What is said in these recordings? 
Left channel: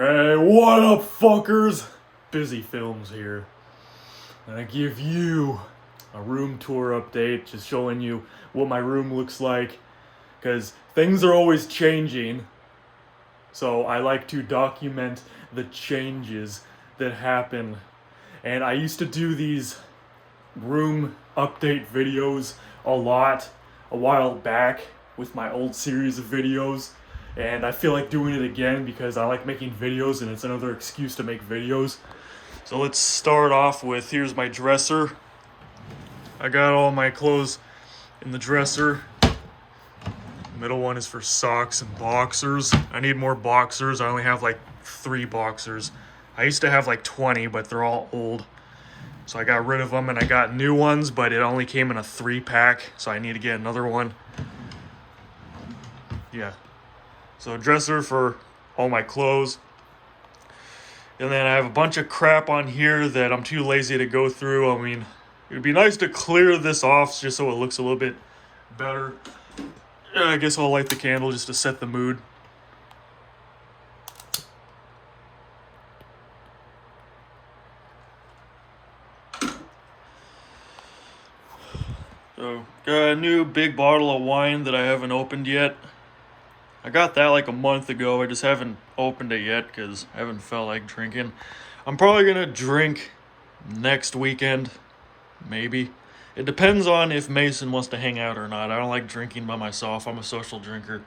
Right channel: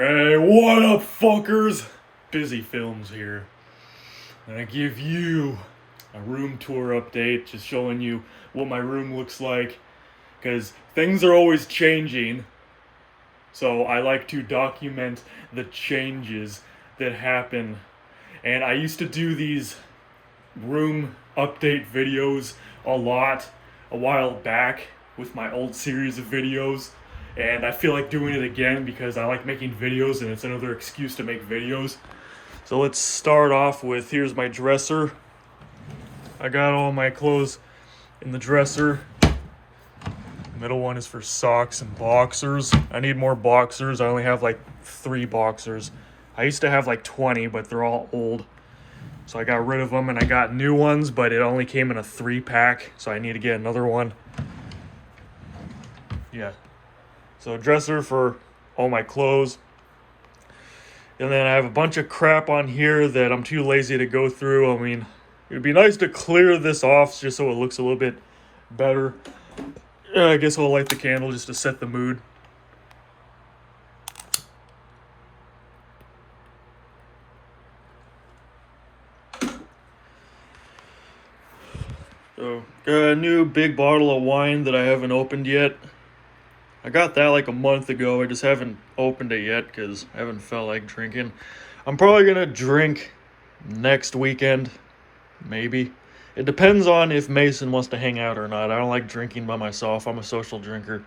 Hey, what up, fuckers? Busy Films here. And I give you a room tour update, just showing you what my room looks like. Because things are always changing. So I like to document the changes that happen. And I used to do these room update videos a while back with my old series of videos. And I feel like doing it again because I like making videos and it's another excuse to make videos. So let's start off with, here's my dresser. I got all my clothes in the dresser. The middle one is for socks and boxers. I need more boxers. I only have like 3 boxers. I used to have like 20, but they're all old. So I got rid of them and I got new ones, but it only came in a 3-pack. So I need to get another one. Yeah. So a dresser for all my clothes. And then I have a bunch of crap on here that I'm too lazy to go through. I mean, it'd be nice to clear this off just so it looks a little bit better. I guess I'll light the candle just to set the mood. So, got a new big bottle of wine that I haven't opened yet. I got that like a month ago. I just haven't opened it yet because I haven't felt like drinking. I'm probably gonna drink next weekend, maybe. It depends on if Mason wants to hang out or not. I don't like drinking by myself. I'm a social drinker.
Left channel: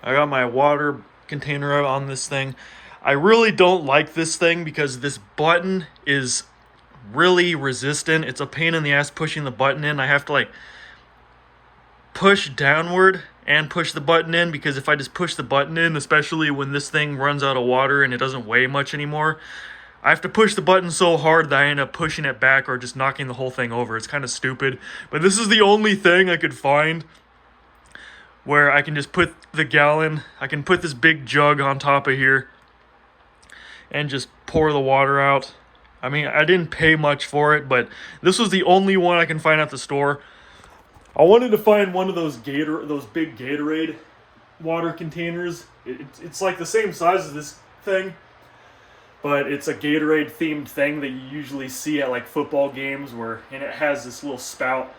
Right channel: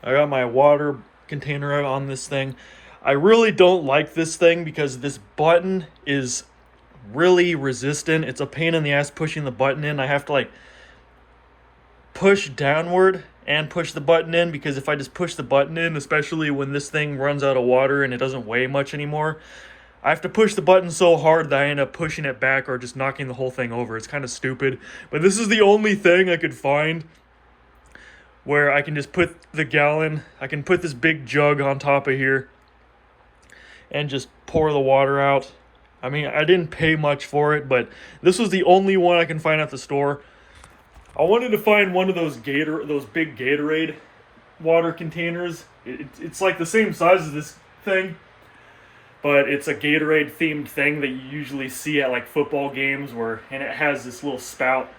I got my water container on this thing. I really don't like this thing because this button is really resistant. It's a pain in the ass pushing the button in. I have to like push downward and push the button in, because if I just push the button in, especially when this thing runs out of water and it doesn't weigh much anymore, I have to push the button so hard that I end up pushing it back or just knocking the whole thing over. It's kind of stupid, but this is the only thing I could find where I can just put the gallon, I can put this big jug on top of here and just pour the water out. I mean, I didn't pay much for it, but this was the only one I can find at the store. I wanted to find one of those big Gatorade water containers. It's like the same size as this thing, but it's a Gatorade themed thing that you usually see at like football games, and it has this little spout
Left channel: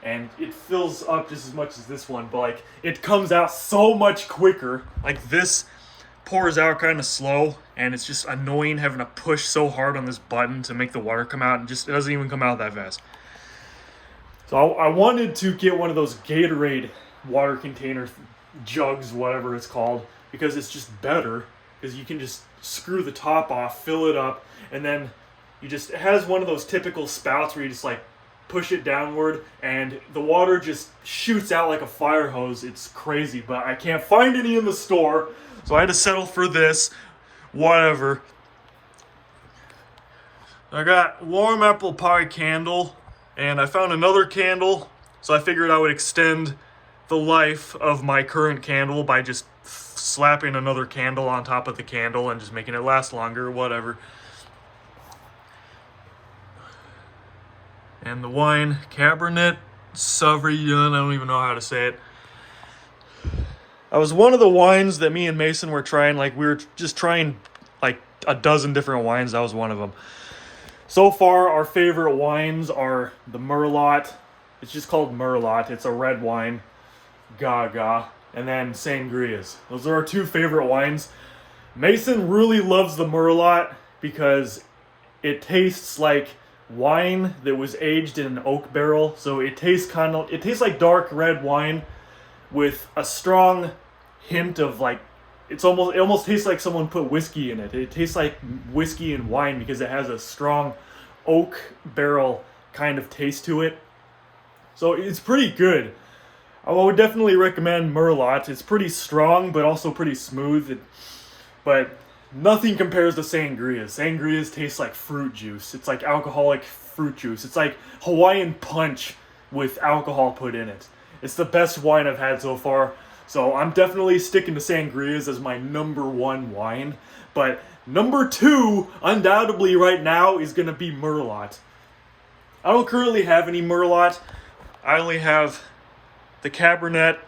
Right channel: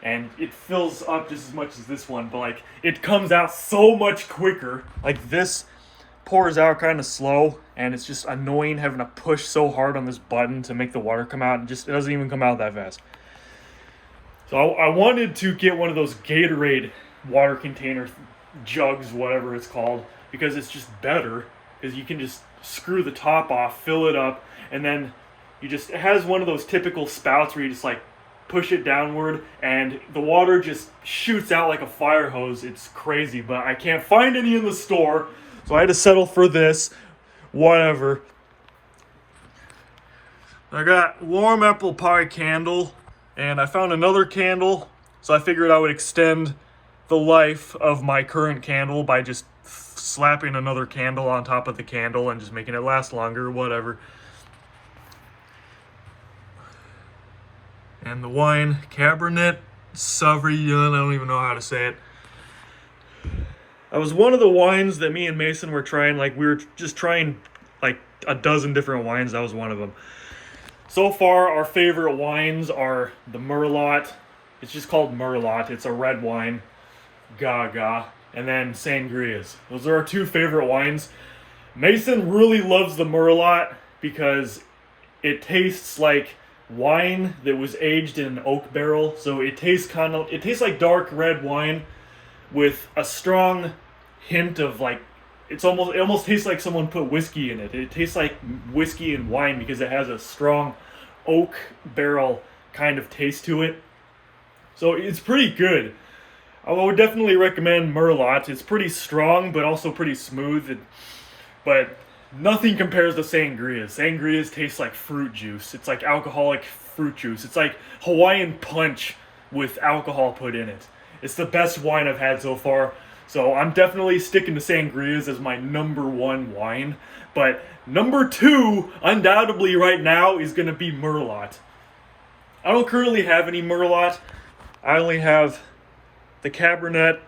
and it fills up just as much as this one, but like it comes out so much quicker. Like this pours out kind of slow, and it's just annoying having to push so hard on this button to make the water come out, and just it doesn't even come out that fast. So I wanted to get one of those Gatorade water container jugs, whatever it's called, because it's just better, because you can just screw the top off, fill it up, and then it has one of those typical spouts where you just like push it downward and the water just shoots out like a fire hose. It's crazy, but I can't find any in the store, so I had to settle for this. Whatever. I got warm apple pie candle. And I found another candle, so I figured I would extend the life of my current candle by just slapping another candle on top of the candle and just making it last longer, whatever. And the wine, Cabernet Sauvignon, I don't even know how to say it. I was one of the wines that me and Mason were trying, like we were just trying like a dozen different wines. That was one of them. So far, our favorite wines are the Merlot. It's just called Merlot. It's a red wine. Gaga. And then sangrias. Those are our 2 favorite wines. Mason really loves the Merlot because it tastes like wine that was aged in an oak barrel. So it tastes like dark red wine with a strong hint of like, it almost tastes like someone put whiskey in it. It tastes like whiskey and wine because it has a strong oak barrel kind of taste to it. So it's pretty good. I would definitely recommend Merlot. It's pretty strong, but also pretty smooth. But nothing compares to sangrias. Sangrias taste like fruit juice. It's like alcoholic fruit juice. It's like Hawaiian punch with alcohol put in it. It's the best wine I've had so far. So I'm definitely sticking to sangrias as my number 1 wine. But number 2, undoubtedly right now, is going to be Merlot. I don't currently have any Merlot. I only have the Cabernet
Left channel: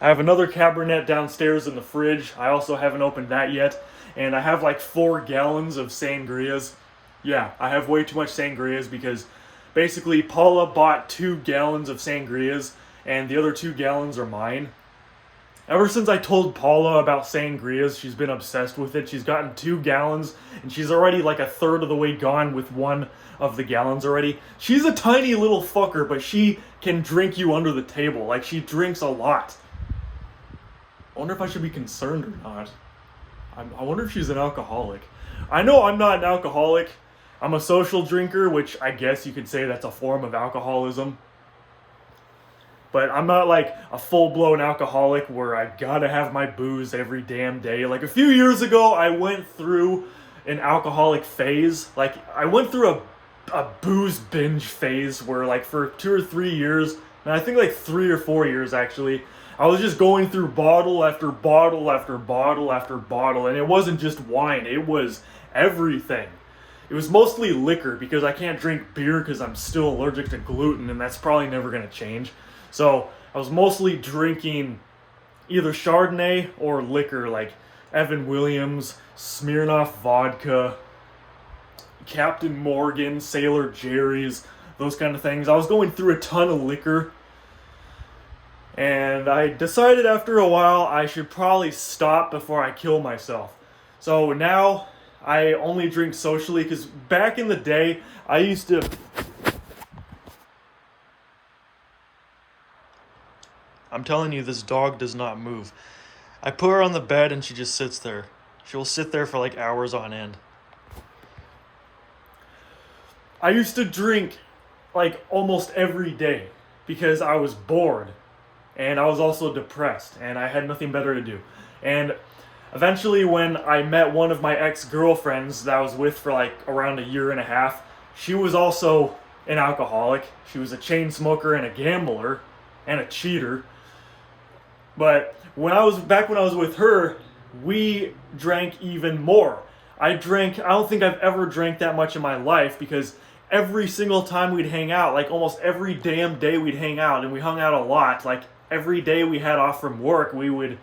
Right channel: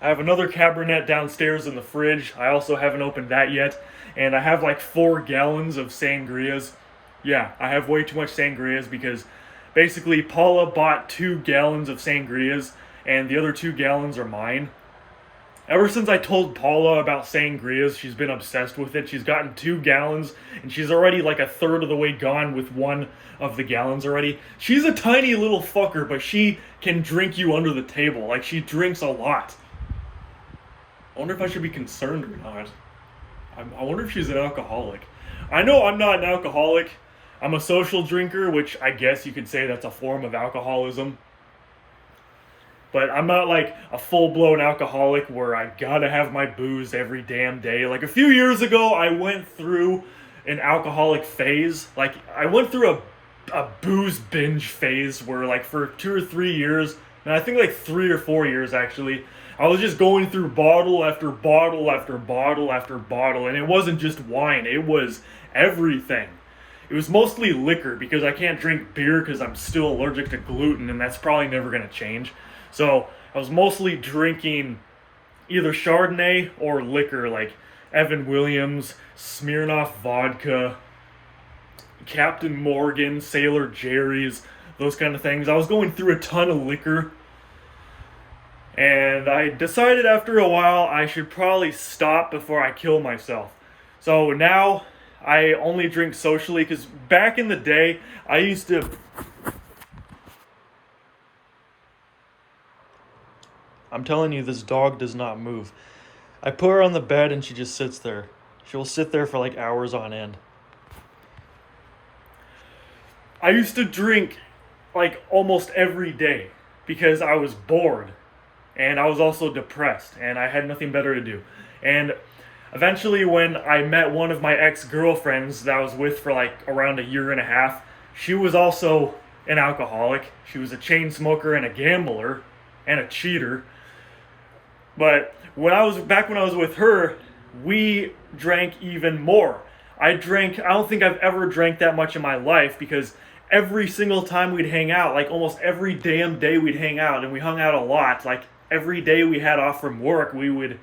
I have another Cabernet downstairs in the fridge. I also haven't opened that yet. And I have like 4 gallons of sangrias. Yeah, I have way too much sangrias because basically Paula bought 2 gallons of sangrias and the other 2 gallons are mine. Ever since I told Paula about sangrias, she's been obsessed with it. She's gotten 2 gallons and she's already like a third of the way gone with 1 of the gallons already. She's a tiny little fucker, but she can drink you under the table. Like, she drinks a lot. I wonder if I should be concerned or not. I wonder if she's an alcoholic. I know I'm not an alcoholic. I'm a social drinker, which I guess you could say that's a form of alcoholism. But I'm not like a full-blown alcoholic where I gotta have my booze every damn day. Like a few years ago, I went through an alcoholic phase. Like, I went through a booze binge phase where like for 2 or 3 years, and I think like 3 or 4 years actually, I was just going through bottle after bottle after bottle after bottle. And it wasn't just wine, it was everything. It was mostly liquor because I can't drink beer because I'm still allergic to gluten and that's probably never going to change. So I was mostly drinking either Chardonnay or liquor like Evan Williams, Smirnoff vodka, Captain Morgan, Sailor Jerry's, those kind of things. I was going through a ton of liquor. And I decided after a while I should probably stop before I kill myself. So now I only drink socially because back in the day I used to... I'm telling you, this dog does not move. I put her on the bed and she just sits there. She'll sit there for like hours on end. I used to drink like almost every day because I was bored. And I was also depressed, and I had nothing better to do. And eventually when I met one of my ex-girlfriends that I was with for like around a year and a half, she was also an alcoholic. She was a chain smoker and a gambler and a cheater. But when I was with her, we drank even more. I don't think I've ever drank that much in my life because every single time we'd hang out, like almost every damn day we'd hang out, and we hung out a lot, like every day we had off from work, we would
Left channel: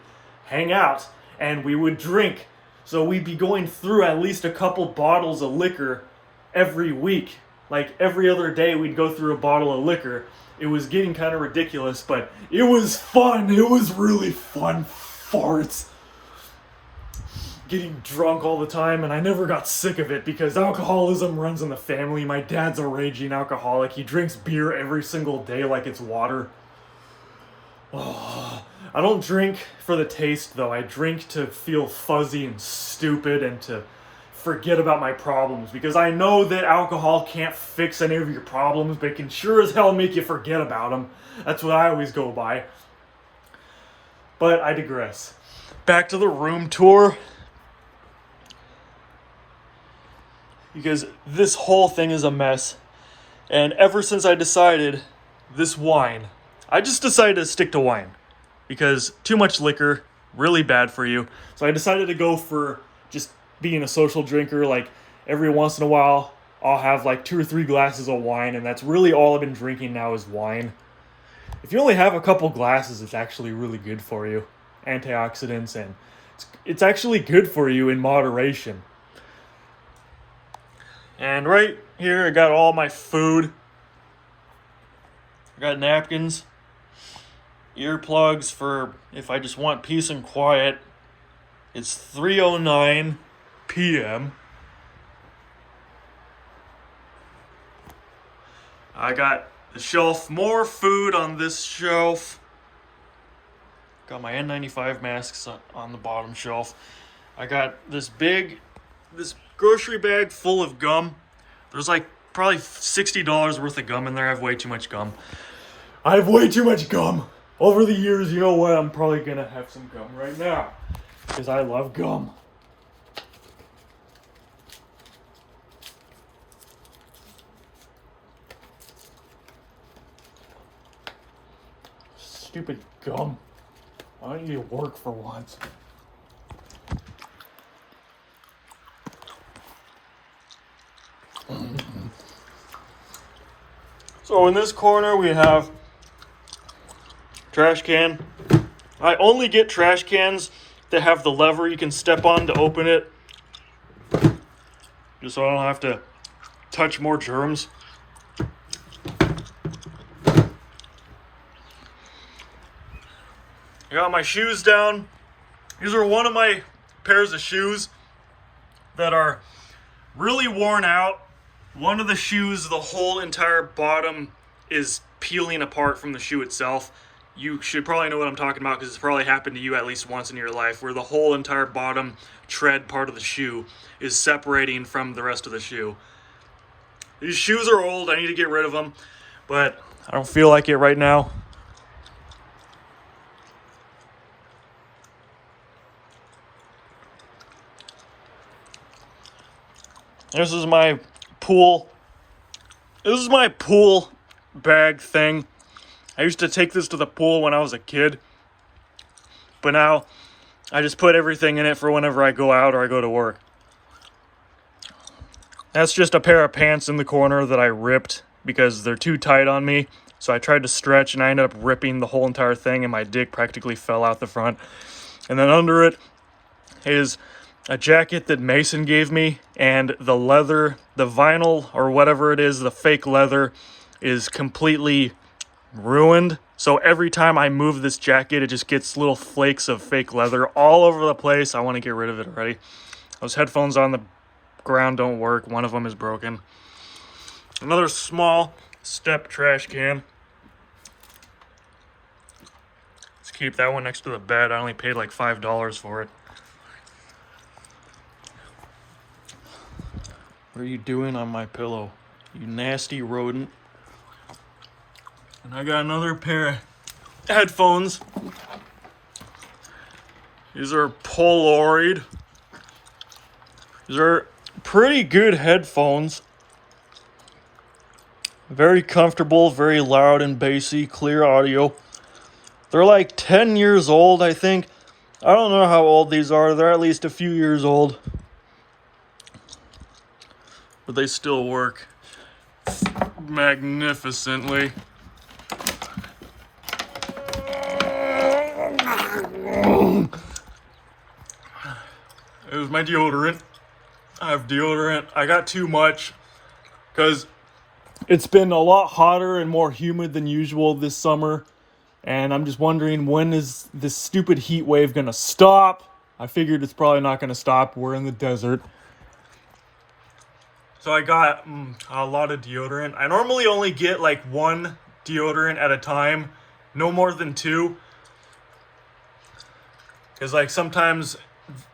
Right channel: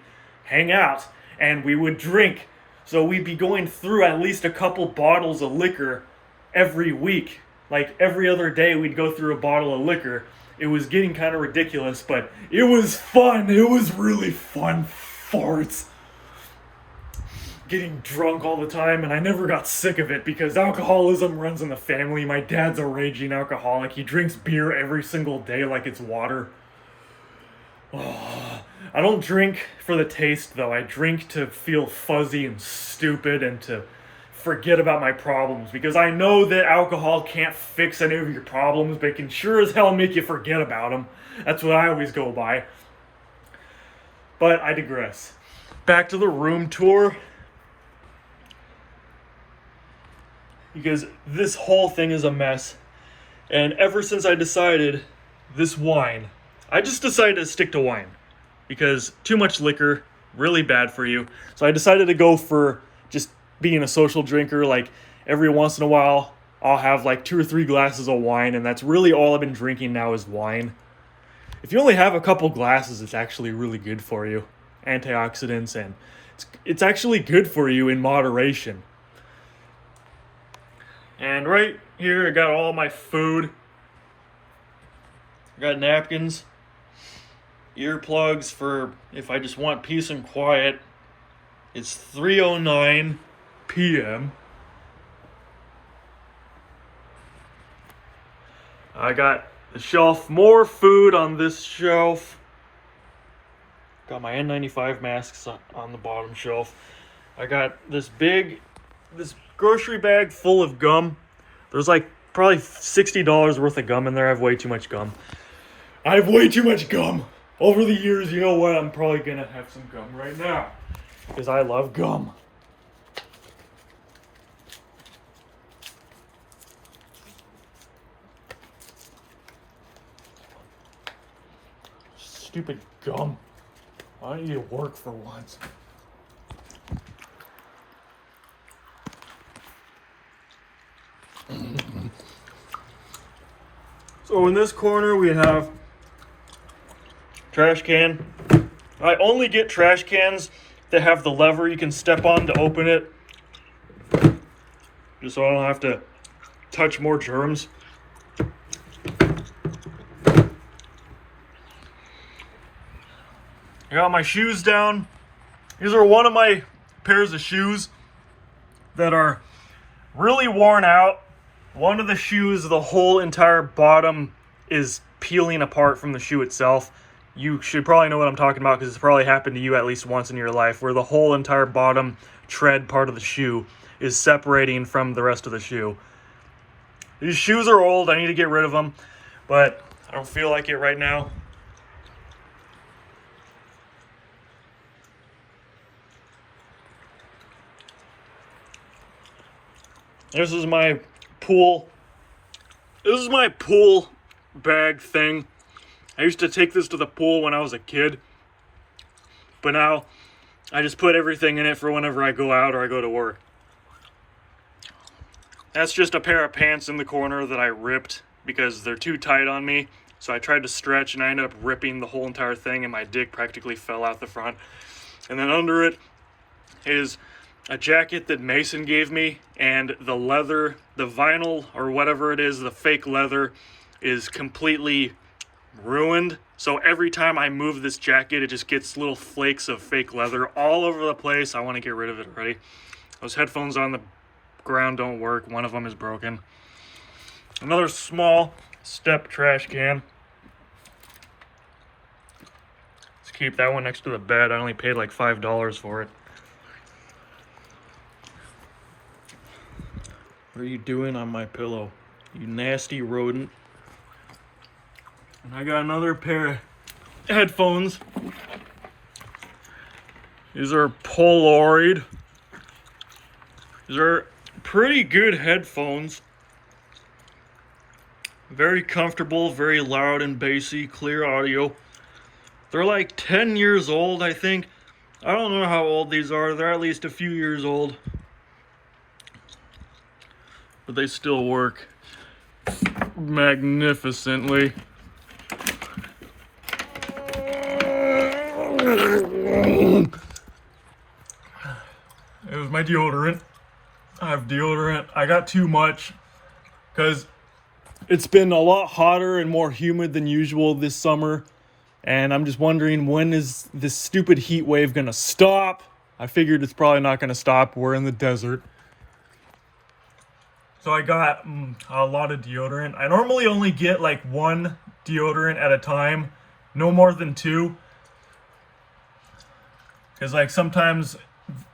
hang out and we would drink. So we'd be going through at least a couple bottles of liquor every week. Like every other day we'd go through a bottle of liquor. It was getting kind of ridiculous, but it was fun. It was really fun. Farts. Getting drunk all the time, and I never got sick of it because alcoholism runs in the family. My dad's a raging alcoholic. He drinks beer every single day like it's water. Oh, I don't drink for the taste, though. I drink to feel fuzzy and stupid and to forget about my problems, because I know that alcohol can't fix any of your problems, but it can sure as hell make you forget about them. That's what I always go by. But I digress. Back to the room tour. Because this whole thing is a mess. And ever since I decided this wine, I just decided to stick to wine because too much liquor, really bad for you. So I decided to go for just being a social drinker. Like every once in a while, I'll have like 2 or 3 glasses of wine, and that's really all I've been drinking now is wine. If you only have a couple glasses, it's actually really good for you. Antioxidants, and it's actually good for you in moderation. And right here, I got all my food. I got napkins. Earplugs for if I just want peace and quiet. It's 3:09 p.m. I got the shelf, more food on this shelf. Got my N95 masks on the bottom shelf. I got this grocery bag full of gum. There's like probably $60 worth of gum in there. I have way too much gum. Over the years, you know what? I'm probably gonna have some gum right now because I love gum. Stupid gum. Why don't you work for once? So in this corner we have trash can. I only get trash cans that have the lever you can step on to open it, just so I don't have to touch more germs. I got my shoes down. These are one of my pairs of shoes that are really worn out. One of the shoes, the whole entire bottom is peeling apart from the shoe itself. You should probably know what I'm talking about because it's probably happened to you at least once in your life, where the whole entire bottom tread part of the shoe is separating from the rest of the shoe. These shoes are old. I need to get rid of them, but I don't feel like it right now. This is my pool bag thing. I used to take this to the pool when I was a kid, but now I just put everything in it for whenever I go out or I go to work. That's just a pair of pants in the corner that I ripped because they're too tight on me. So I tried to stretch and I ended up ripping the whole entire thing and my dick practically fell out the front. And then under it is a jacket that Mason gave me, and the leather, the vinyl or whatever it is, the fake leather is completely ruined. So every time I move this jacket, it just gets little flakes of fake leather all over the place. I want to get rid of it already. Those headphones on the ground don't work. One of them is broken. Another small step trash can. Let's keep that one next to the bed. I only paid like $5 for it. What are you doing on my pillow, you nasty rodent? And I got another pair of headphones. These are Polaroid. These are pretty good headphones. Very comfortable, very loud and bassy, clear audio. They're like 10 years old, I think. I don't know how old these are. They're at least a few years old. But they still work magnificently. It was my deodorant. I have deodorant. I got too much because it's been a lot hotter and more humid than usual this summer. And I'm just wondering, when is this stupid heat wave going to stop? I figured it's probably not going to stop. We're in the desert. So I got a lot of deodorant. I normally only get like one deodorant at a time, no more than two. Because like sometimes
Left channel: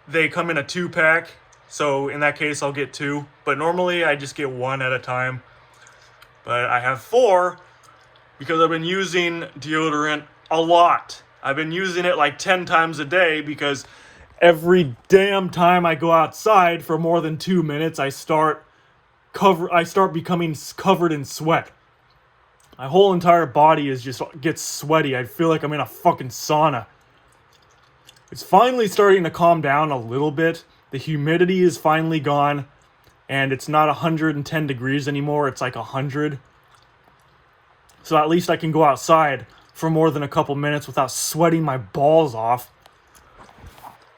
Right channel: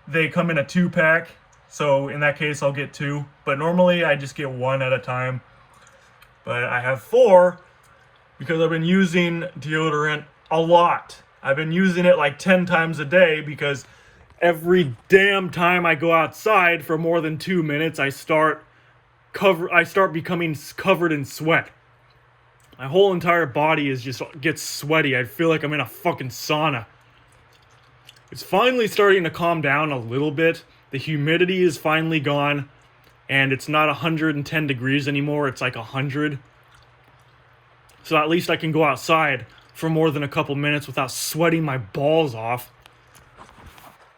they come in a 2-pack, so in that case I'll get two. But normally I just get one at a time. But I have 4 because I've been using deodorant a lot. I've been using it like 10 times a day because every damn time I go outside for more than 2 minutes, I start becoming covered in sweat. My whole entire body gets sweaty. I feel like I'm in a fucking sauna. It's finally starting to calm down a little bit. The humidity is finally gone, and it's not 110 degrees anymore. It's like 100. So at least I can go outside for more than a couple minutes without sweating my balls off.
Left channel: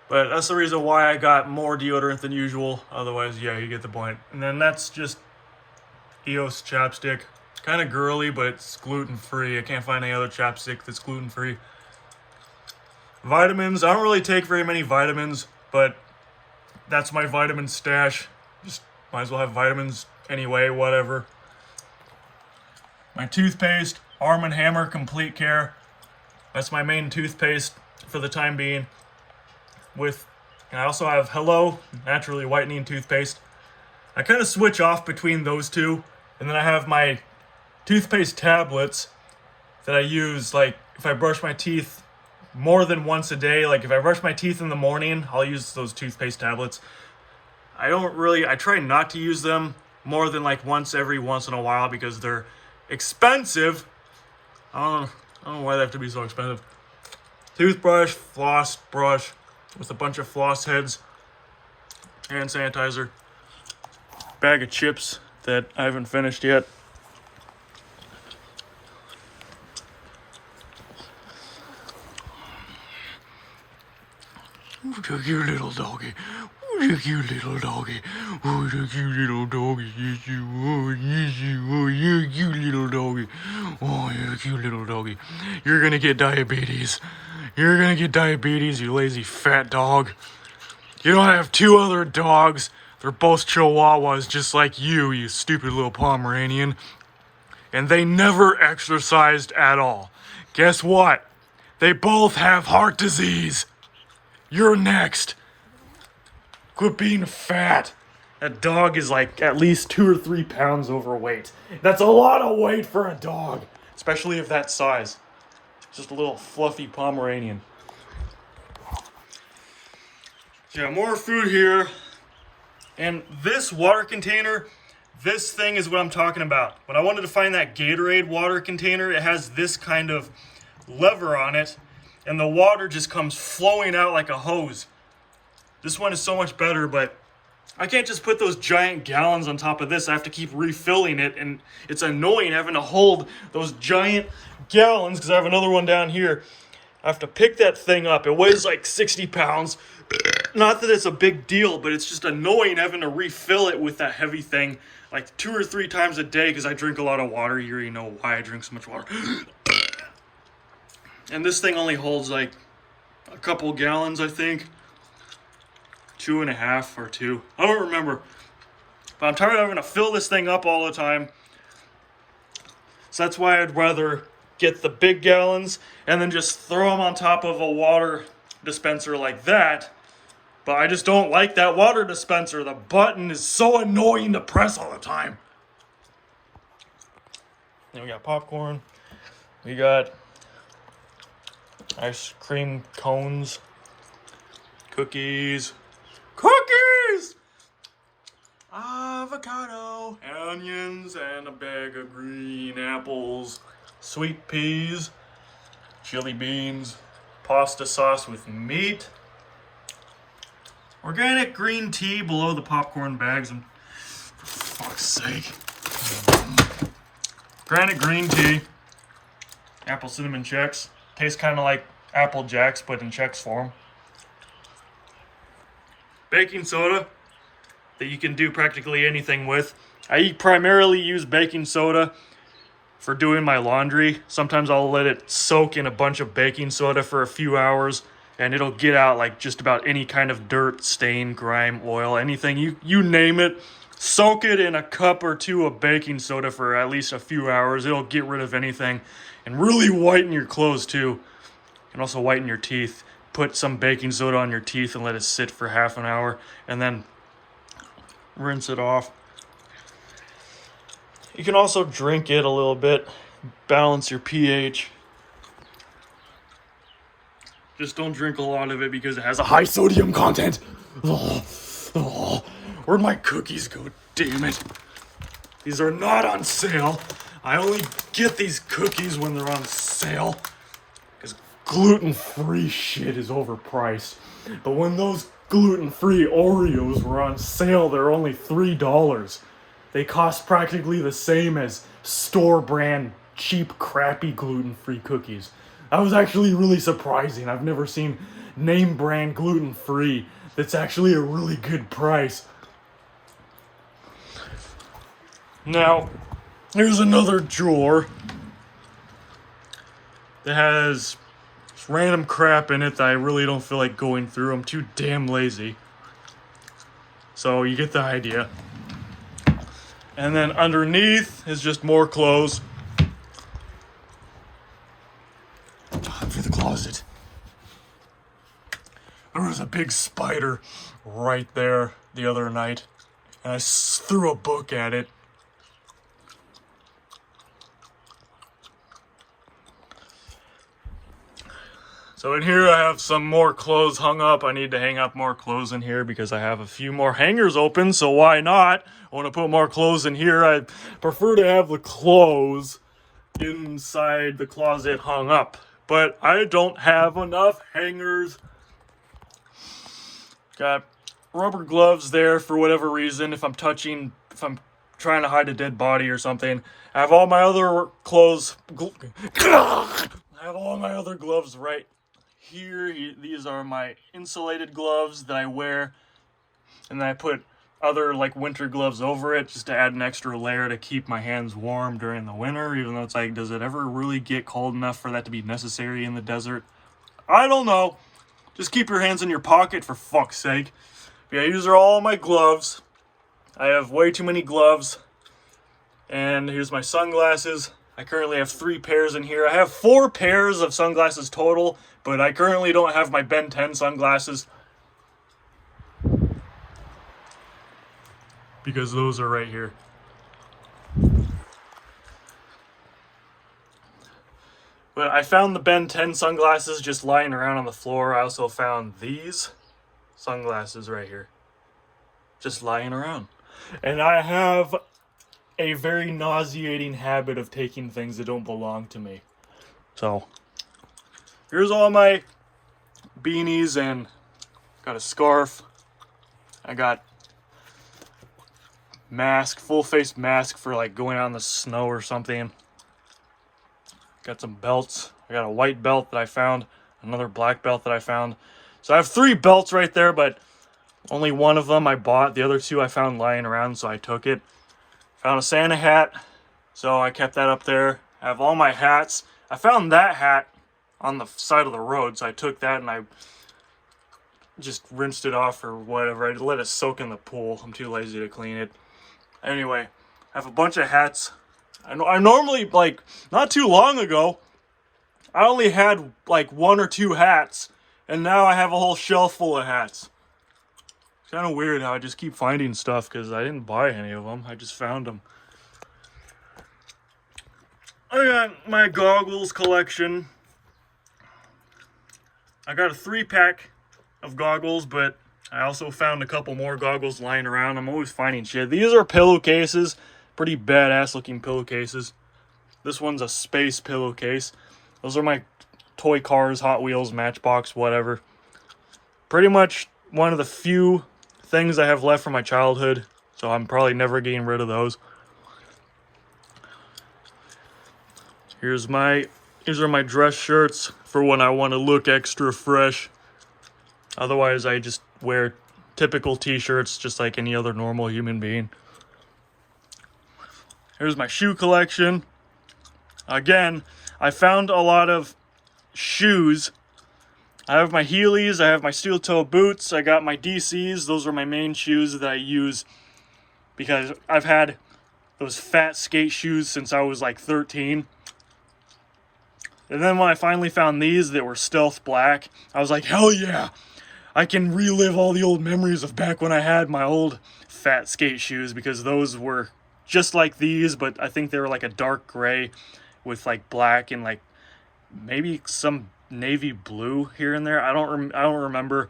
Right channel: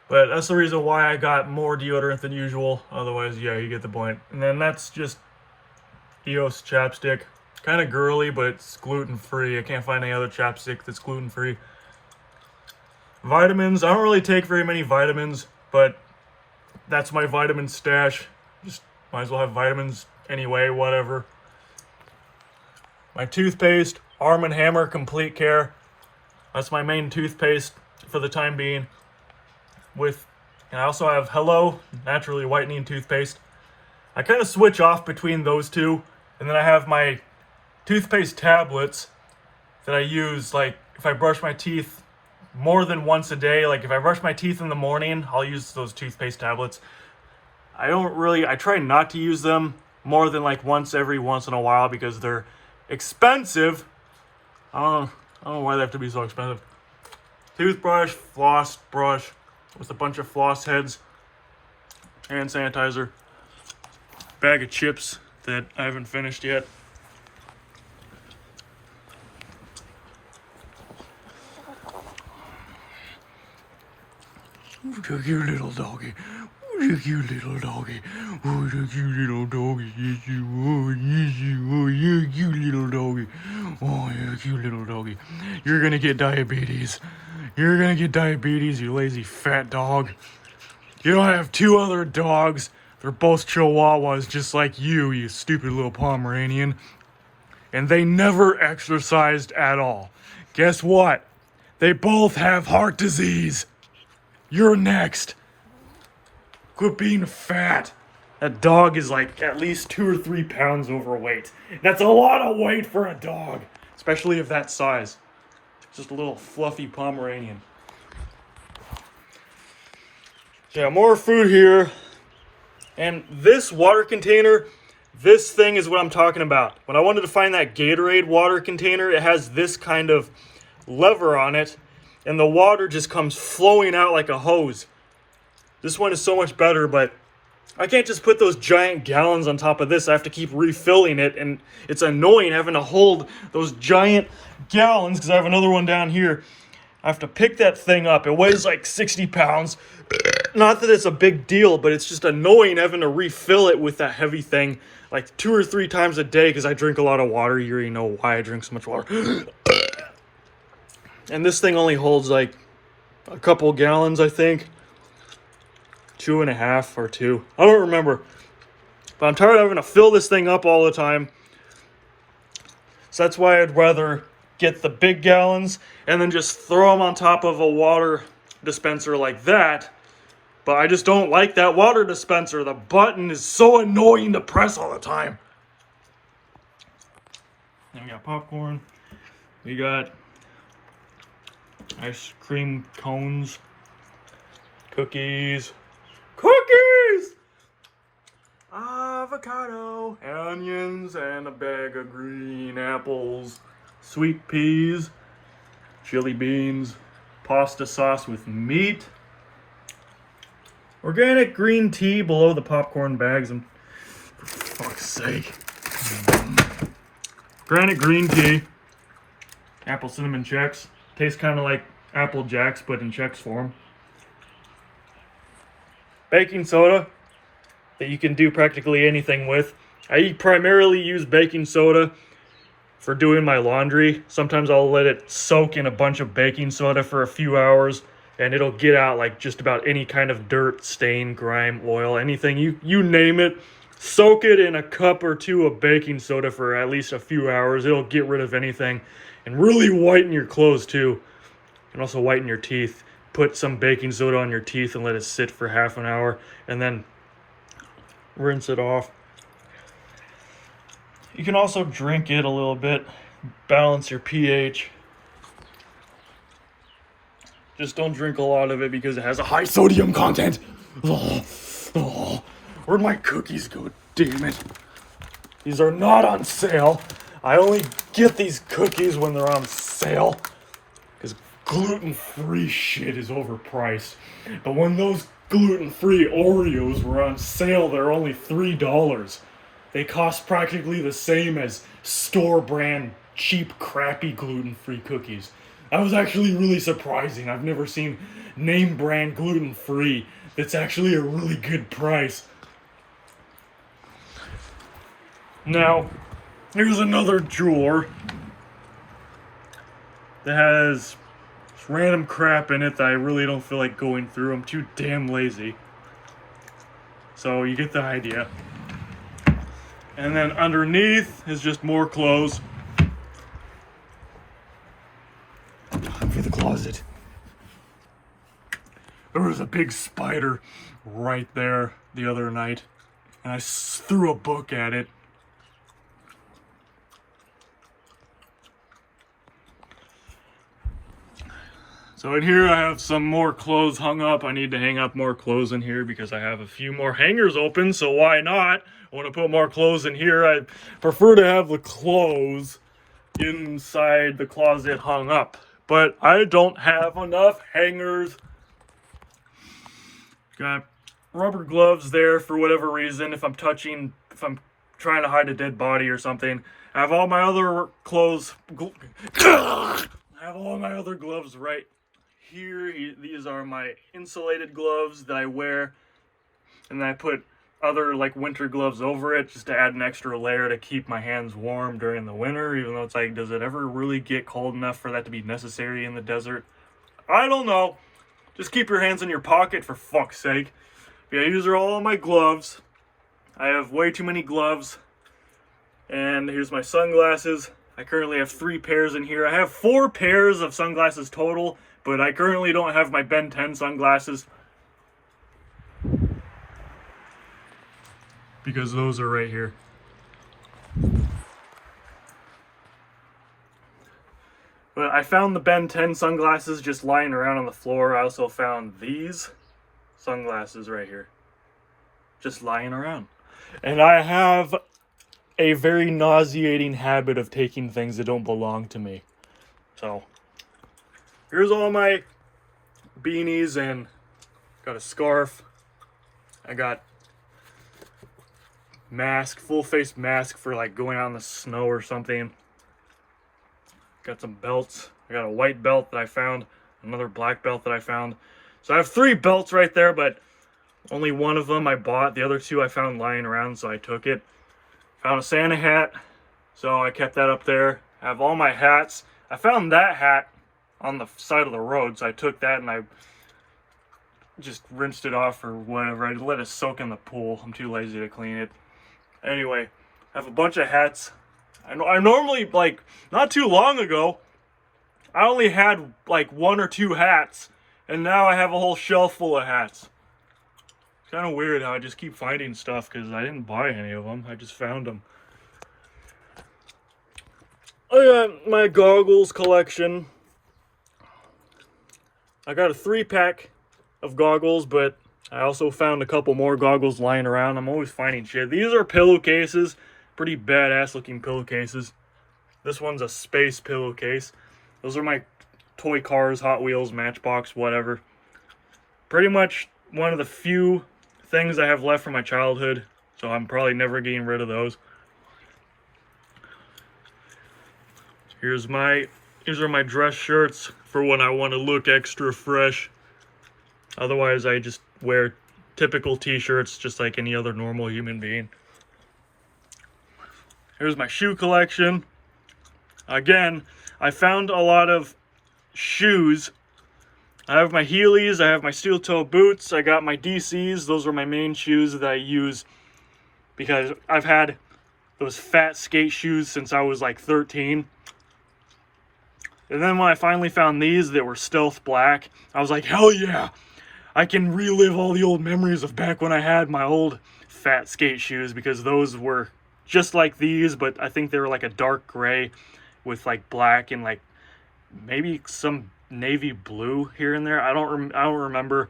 But that's the reason why I got more deodorant than usual. Otherwise, yeah, you get the point. And then that's just EOS chapstick. Kind of girly, but it's gluten-free. I can't find any other chapstick that's gluten-free. Vitamins. I don't really take very many vitamins, but that's my vitamin stash. Just might as well have vitamins anyway, whatever. My toothpaste, Arm & Hammer Complete Care. That's my main toothpaste for the time being. And I also have Hello Naturally Whitening Toothpaste. I kind of switch off between those two. And then I have my toothpaste tablets that I use, like, if I brush my teeth more than once a day. Like, if I brush my teeth in the morning, I'll use those toothpaste tablets. I try not to use them more than, like, once in a while because they're expensive. I don't know why they have to be so expensive. Toothbrush, floss brush with a bunch of floss heads, hand sanitizer, bag of chips that I haven't finished yet. a cute little doggy. Who's a cute little doggy? Who's a cute little doggy? Yes, you are. Yes, you are. You're a cute little doggy. Oh, you're a cute little doggy. You're gonna get diabetes. You're gonna get diabetes, you lazy fat dog. You don't have two other dogs. They're both Chihuahuas just like you stupid little Pomeranian. And they never exercised at all. Guess what? They both have heart disease. You're next. Quit being fat. That dog is like at least 2 or 3 pounds overweight. That's a lot of weight for a dog, especially of that size. Just a little fluffy Pomeranian. Yeah, more food here. And this water container, this thing is what I'm talking about. When I wanted to find that Gatorade water container, it has this kind of lever on it, and the water just comes flowing out like a hose. This one is so much better, but I can't just put those giant gallons on top of this. I have to keep refilling it, and it's annoying having to hold those giant gallons because I have another one down here. I have to pick that thing up. It weighs like 60 pounds. Not that it's a big deal, but it's just annoying having to refill it with that heavy thing like 2 or 3 times a day because I drink a lot of water. You already know why I drink so much water. And this thing only holds like a couple gallons, I think. 2.5 or 2. I don't remember. But I'm tired of having to fill this thing up all the time. So that's why I'd rather get the big gallons and then just throw them on top of a water dispenser like that. But I just don't like that water dispenser. The button is so annoying to press all the time. Then we got popcorn. We got ice cream cones. Cookies. Cookies! Avocado. Onions and a bag of green apples. Sweet peas. Chili beans. Pasta sauce with meat. Organic green tea below the popcorn bags. For fuck's sake. Organic green tea. Apple cinnamon Chex. Tastes kind of like Apple Jacks, but in Chex form. Baking soda that you can do practically anything with. I primarily use baking soda for doing my laundry. Sometimes I'll let it soak in a bunch of baking soda for a few hours, and it'll get out like just about any kind of dirt, stain, grime, oil, anything. You name it. Soak it in a cup or two of baking soda for at least a few hours. It'll get rid of anything and really whiten your clothes too. And also whiten your teeth. Put some baking soda on your teeth and let it sit for half an hour and then rinse it off. You can also drink it a little bit, balance your pH. Just don't drink a lot of it because it has a high sodium content. Where'd my cookies go? Damn it. These are not on sale. I only get these cookies when they're on sale because gluten-free shit is overpriced. But when those gluten-free Oreos were on sale, they're only $3. They cost practically the same as store-brand, cheap, crappy gluten-free cookies. That was actually really surprising. I've never seen name-brand gluten-free that's actually a really good price. Now, here's another drawer that has random crap in it that I really don't feel like going through. I'm too damn lazy. So you get the idea. And then underneath is just more clothes. Time for the closet. There was a big spider right there the other night, and I threw a book at it. So in here I have some more clothes hung up. I need to hang up more clothes in here because I have a few more hangers open, so why not? I want to put more clothes in here. I prefer to have the clothes inside the closet hung up, but I don't have enough hangers. Got rubber gloves there for whatever reason, if I'm trying to hide a dead body or something. I have all my other clothes, I have all my other gloves right here, these are my insulated gloves that I wear, and then I put other like winter gloves over it just to add an extra layer to keep my hands warm during the winter, even though it's like, does it ever really get cold enough for that to be necessary in the desert? I don't know. Just keep your hands in your pocket, for fuck's sake. Yeah, these are all my gloves. I have way too many gloves. And here's my sunglasses. I currently have 3 pairs in here. I have 4 pairs of sunglasses total, but I currently don't have my Ben 10 sunglasses, because those are right here. But I found the Ben 10 sunglasses just lying around on the floor. I also found these sunglasses right here, just lying around. And I have a very nauseating habit of taking things that don't belong to me. So, here's all my beanies, and got a scarf. I got mask, full face mask for like going out in the snow or something. Got some belts. I got a white belt that I found, another black belt that I found. So I have 3 belts right there, but only one of them I bought. The other 2 I found lying around, so I took it. Found a Santa hat, so I kept that up there. I have all my hats. I found that hat on the side of the road, so I took that and I just rinsed it off or whatever. I let it soak in the pool. I'm too lazy to clean it. Anyway, I have a bunch of hats. I normally, like, not too long ago, I only had like 1 or 2 hats, and now I have a whole shelf full of hats. It's kind of weird how I just keep finding stuff, because I didn't buy any of them. I just found them. I got my goggles collection. I got a 3-pack of goggles, but I also found a couple more goggles lying around. I'm always finding shit. These are pillowcases. Pretty badass looking pillowcases. This one's a space pillowcase. Those are my toy cars, Hot Wheels, Matchbox, whatever. Pretty much one of the few things I have left from my childhood, so I'm probably never getting rid of those. These are my dress shirts for when I want to look extra fresh. Otherwise, I just wear typical t-shirts just like any other normal human being. Here's my shoe collection. Again, I found a lot of shoes. I have my Heelys, I have my steel toe boots, I got my DCs. Those are my main shoes that I use because I've had those fat skate shoes since I was like 13. And then when I finally found these that were stealth black, I was like, hell yeah! I can relive all the old memories of back when I had my old fat skate shoes, because those were just like these, but I think they were like a dark gray with like black and like maybe some navy blue here and there. I don't remember.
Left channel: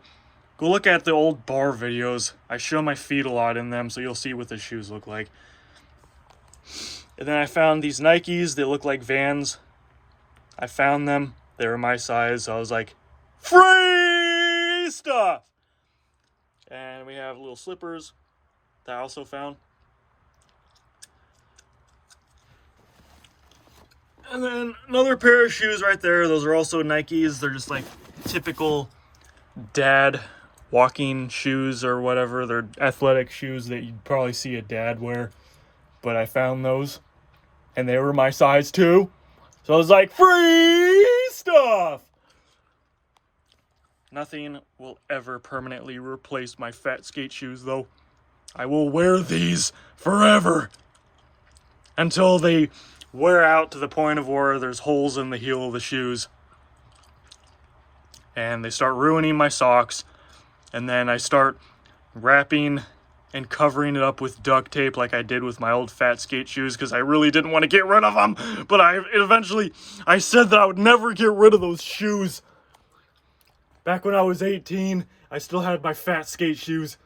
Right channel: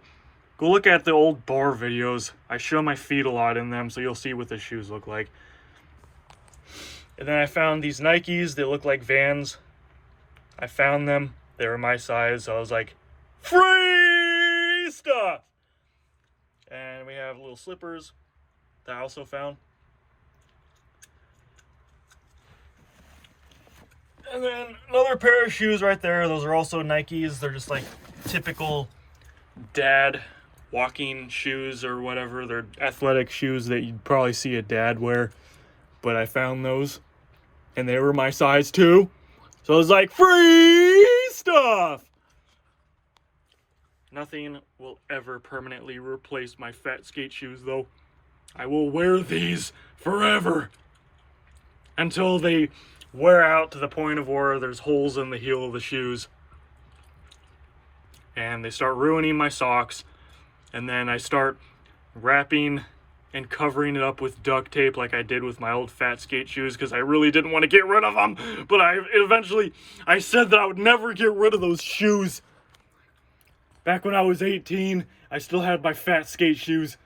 Go look at the old bar videos. I show my feet a lot in them, so you'll see what the shoes look like. And then I found these Nikes. They look like Vans. I found them. They were my size, so I was like, free stuff! And we have little slippers that I also found. And then another pair of shoes right there. Those are also Nikes. They're just like typical dad walking shoes or whatever. They're athletic shoes that you'd probably see a dad wear. But I found those, and they were my size too. So I was like, free stuff! Nothing will ever permanently replace my fat skate shoes, though. I will wear these forever until they wear out to the point of where there's holes in the heel of the shoes. And they start ruining my socks. And then I start wrapping and covering it up with duct tape like I did with my old fat skate shoes, because I really didn't want to get rid of them. But I said that I would never get rid of those shoes. Back when I was 18, I still had my fat skate shoes.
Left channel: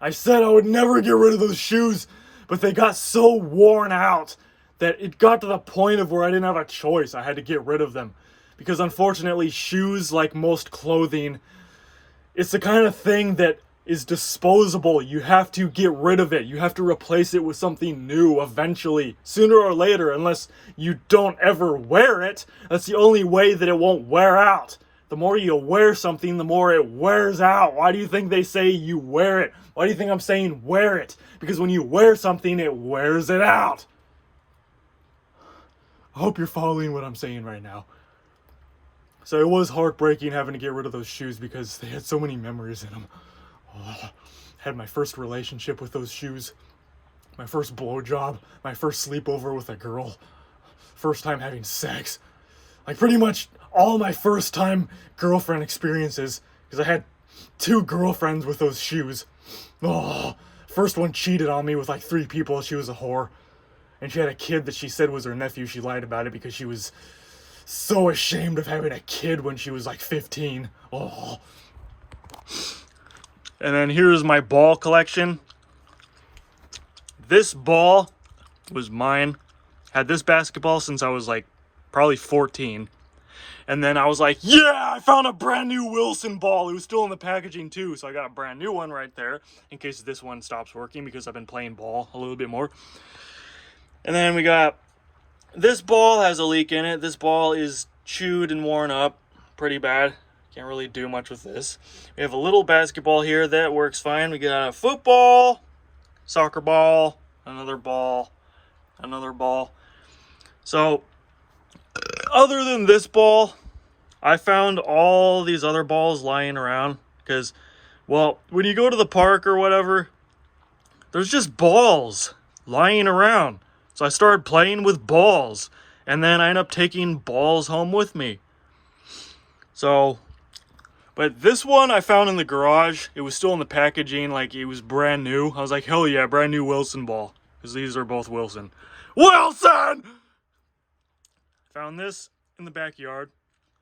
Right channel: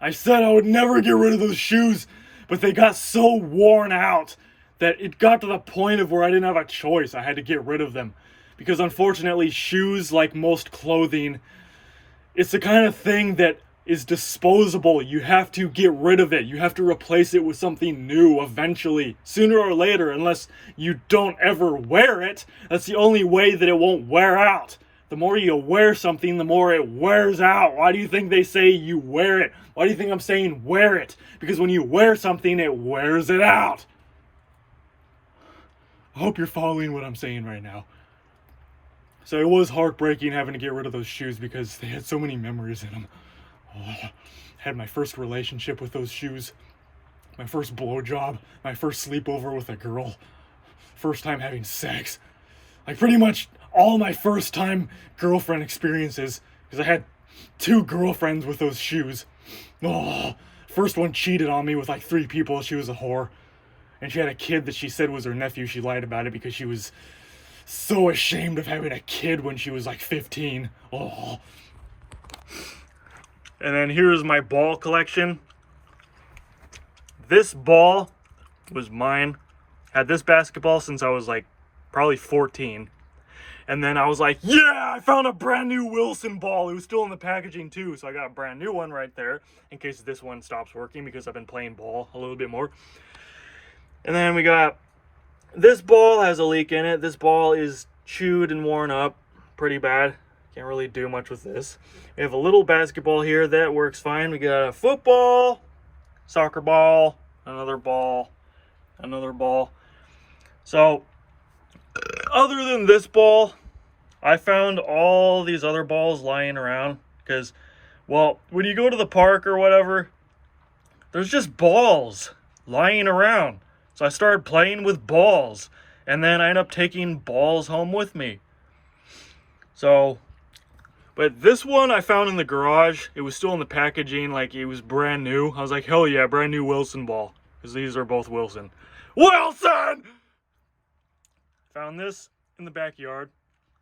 I said I would never get rid of those shoes, but they got so worn out that it got to the point of where I didn't have a choice. I had to get rid of them. Because unfortunately, shoes, like most clothing, it's the kind of thing that is disposable. You have to get rid of it. You have to replace it with something new eventually, sooner or later, unless you don't ever wear it. That's the only way that it won't wear out. the more you wear something, the more it wears out. Why do you think they say you wear it? Why do you think I'm saying wear it? Because when you wear something, it wears it out. I hope you're following what I'm saying right now. So it was heartbreaking having to get rid of those shoes because they had so many memories in them. Oh, had my first relationship with those shoes, my first blowjob, my first sleepover with a girl, first time having sex. Like pretty much all my first time girlfriend experiences, because I had 2 girlfriends with those shoes. Oh, first one cheated on me with like 3 people. She was a whore. And she had a kid that she said was her nephew. She lied about it because she was so ashamed of having a kid when she was like 15. Oh. And then here's my ball collection. This ball was mine. Had this basketball since I was like probably 14. And then I was like, yeah, I found a brand new Wilson ball. It was still in the packaging too. So I got a brand new one right there in case this one stops working because I've been playing ball a little bit more. And then we got, this ball has a leak in it. This ball is chewed and worn up pretty bad. Can't really do much with this. We have a little basketball here that works fine. We got a football, soccer ball, another ball, another ball. So, other than this ball, I found all these other balls lying around because, well, when you go to the park or whatever, there's just balls lying around. So I started playing with balls, and then I ended up taking balls home with me. So, but this one I found in the garage. It was still in the packaging, like it was brand new. I was like, hell yeah, brand new Wilson ball, because these are both Wilson. Wilson! Found this in the backyard.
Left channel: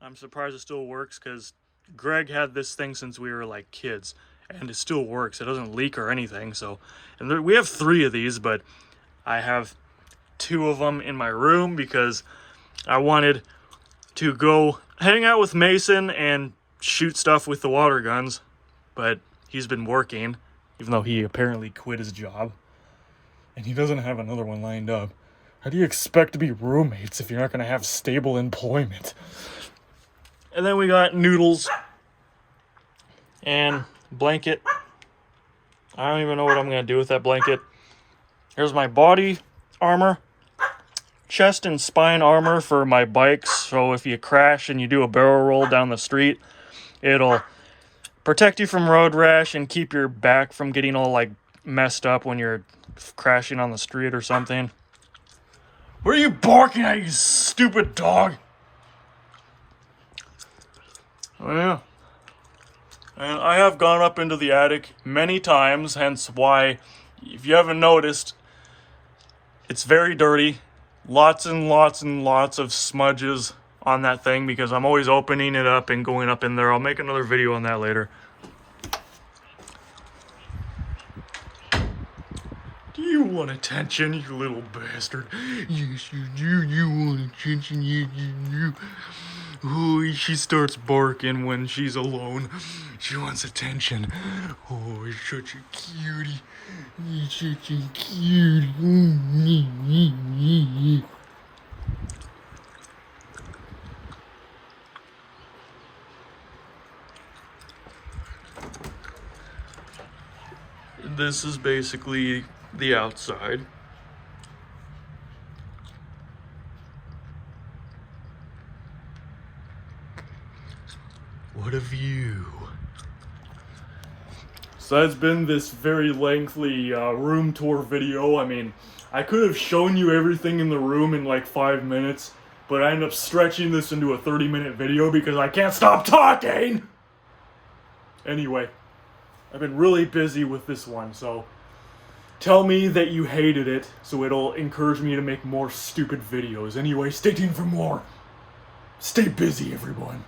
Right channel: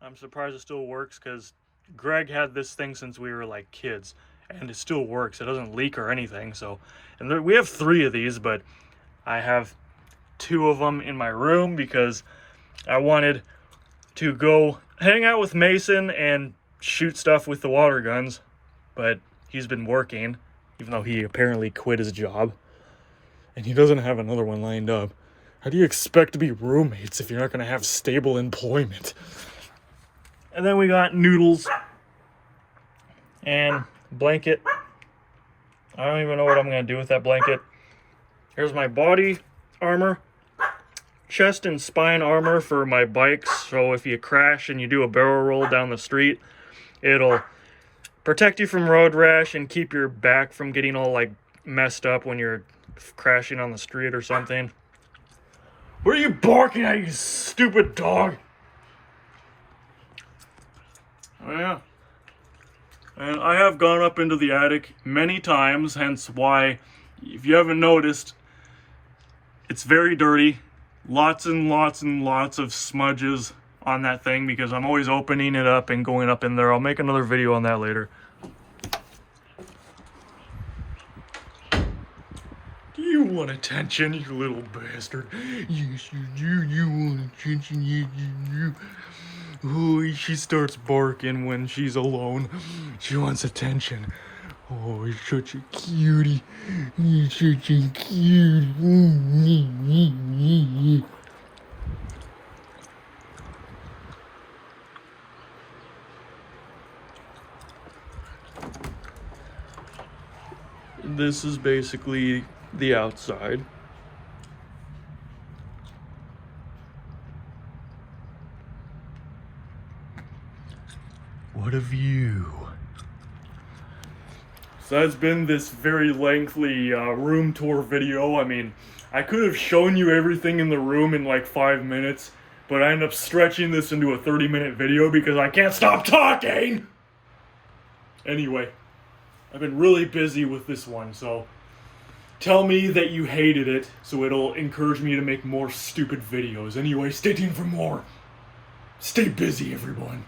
I'm surprised it still works, because Greg had this thing since we were like kids, and it still works. It doesn't leak or anything. So, and we have 3 of these, but I have 2 of them in my room because I wanted to go hang out with Mason and shoot stuff with the water guns, but he's been working, even though he apparently quit his job, and he doesn't have another one lined up. How do you expect to be roommates if you're not going to have stable employment? And then we got noodles and blanket. I don't even know what I'm going to do with that blanket. Here's my body armor. Chest and spine armor for my bikes, so if you crash and you do a barrel roll down the street, it'll protect you from road rash and keep your back from getting all like messed up when you're crashing on the street or something. What are you barking at, you stupid dog? Oh, yeah. And I have gone up into the attic many times, hence why, if you haven't noticed, it's very dirty. Lots and lots and lots of smudges on that thing because I'm always opening it up and going up in there. I'll make another video on that later. Do you want attention, you little bastard? Yes, you do. You want attention, you. Oh, she starts barking when she's alone. She wants attention. Oh, you're such a cutie. You're such a cutie. This is basically the outside. What a view. So that's been this very lengthy room tour video. I mean, I could have shown you everything in the room in like 5 minutes, but I ended up stretching this into a 30-minute video because I can't stop talking! Anyway, I've been really busy with this one, so tell me that you hated it, so it'll encourage me to make more stupid videos. Anyway, stay tuned for more. Stay busy, everyone.